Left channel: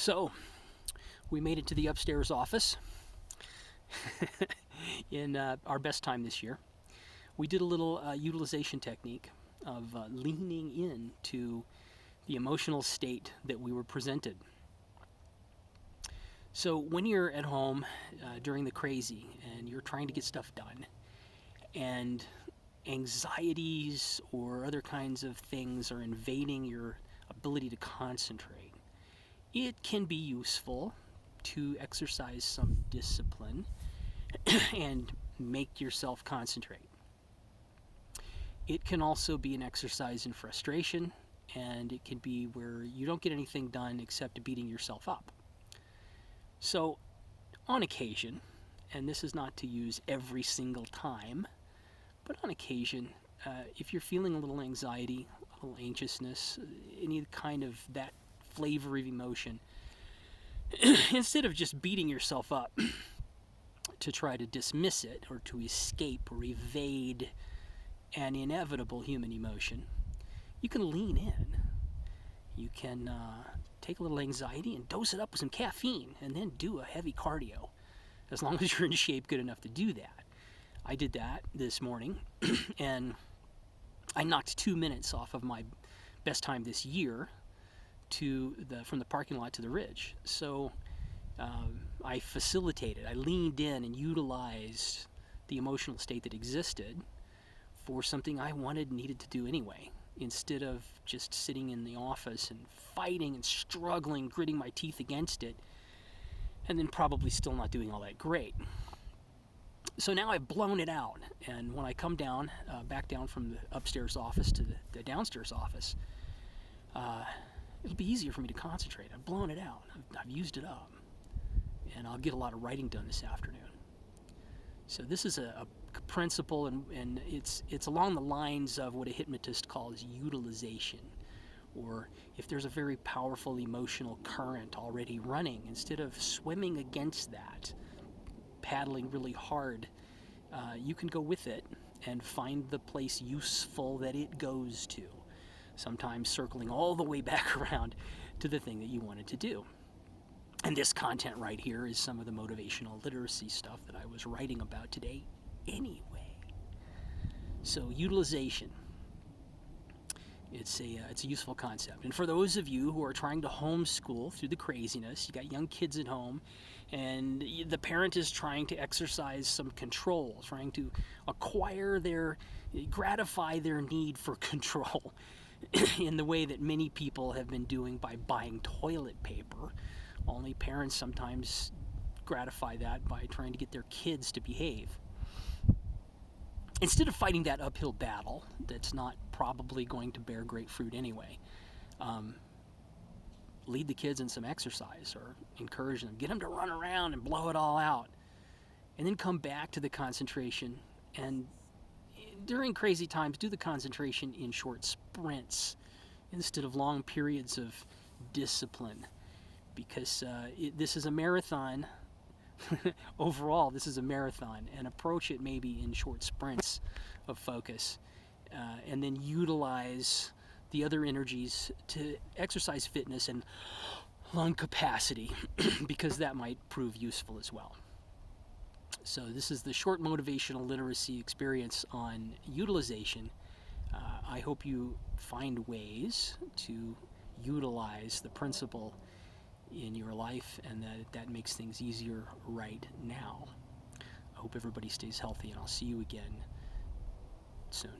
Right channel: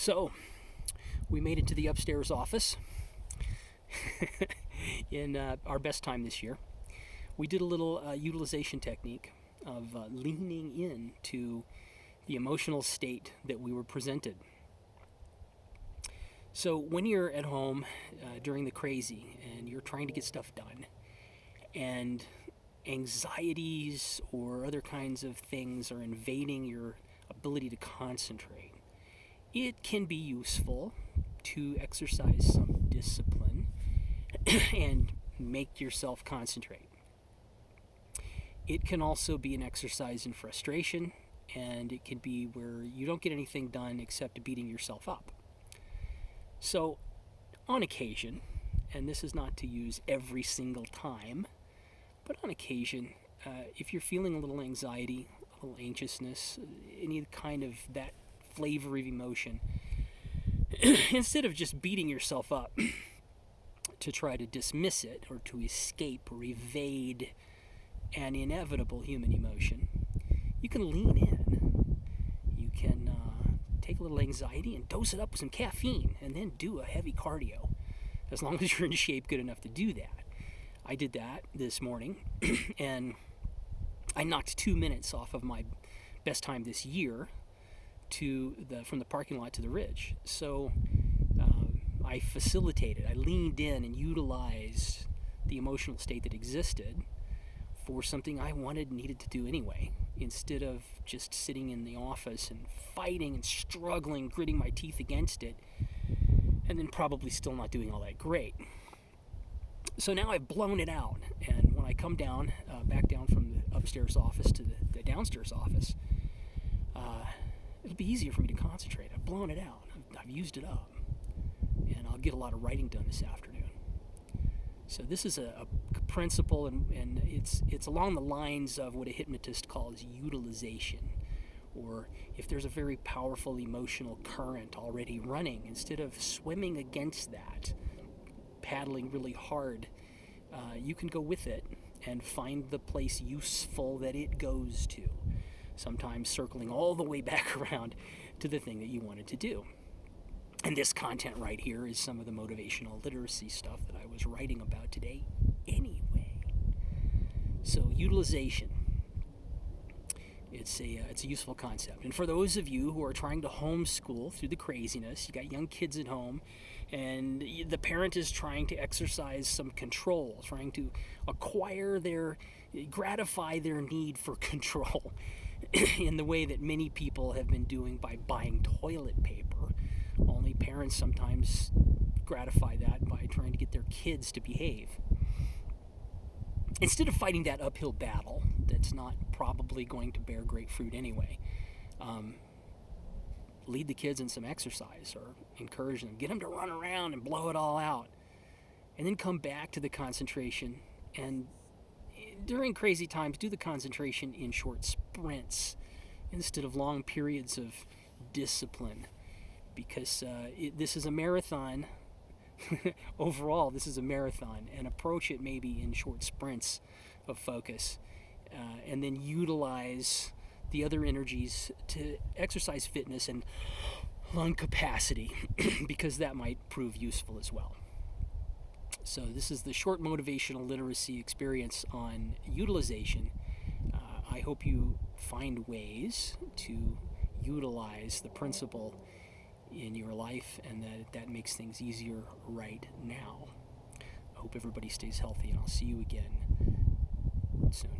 So, we made it to the upstairs office in our best time this year. We did a little utilization technique of leaning in to the emotional state that we were presented. So when you're at home during the crazy and you're trying to get stuff done, and anxieties or other kinds of things are invading your ability to concentrate, it can be useful to exercise some discipline and make yourself concentrate. It can also be an exercise in frustration, and it can be where you don't get anything done except beating yourself up. So, on occasion, and this is not to use every single time, but on occasion, if you're feeling a little anxiety, a little anxiousness, any kind of that flavor of emotion, instead of just beating yourself up to try to dismiss it or to escape or evade an inevitable human emotion, you can lean in. You can take a little anxiety and dose it up with some caffeine and then do a heavy cardio, as long as you're in shape good enough to do that. I did that this morning, and I knocked 2 minutes off of my best time this year from the parking lot to the ridge. So I facilitated, I leaned in and utilized the emotional state that existed for something I needed to do anyway, instead of just sitting in the office and fighting and struggling, gritting my teeth against it, and then probably still not doing all that great. So now I've blown it out, and when I come down, back down from the upstairs office to the downstairs office, it'll be easier for me to concentrate. I've blown it out. I've used it up, and I'll get a lot of writing done this afternoon. So this is a principle, and it's along the lines of what a hypnotist calls utilization, or if there's a very powerful emotional current already running, instead of swimming against that, paddling really hard, you can go with it and find the place useful that it goes to, sometimes circling all the way back around to the thing that you wanted to do. And this content right here is some of the motivational literacy stuff that I was writing about today anyway. So utilization, it's a useful concept. And for those of you who are trying to homeschool through the craziness, you got young kids at home, and the parent is trying to exercise some control, trying to gratify their need for control in the way that many people have been doing by buying toilet paper. Only parents sometimes gratify that by trying to get their kids to behave. Instead of fighting that uphill battle that's not probably going to bear great fruit anyway, lead the kids in some exercise or encourage them. Get them to run around and blow it all out. And then come back to the concentration. And during crazy times, do the concentration in short sprints instead of long periods of discipline. Because this is a marathon. Overall, this is a marathon. And approach it maybe in short sprints of focus. And then utilize the other energies to exercise fitness and lung capacity, because that might prove useful as well. So this is the short motivational literacy experience on utilization. I hope you find ways to utilize the principle in your life, and that makes things easier right now. I hope everybody stays healthy, and I'll see you again soon.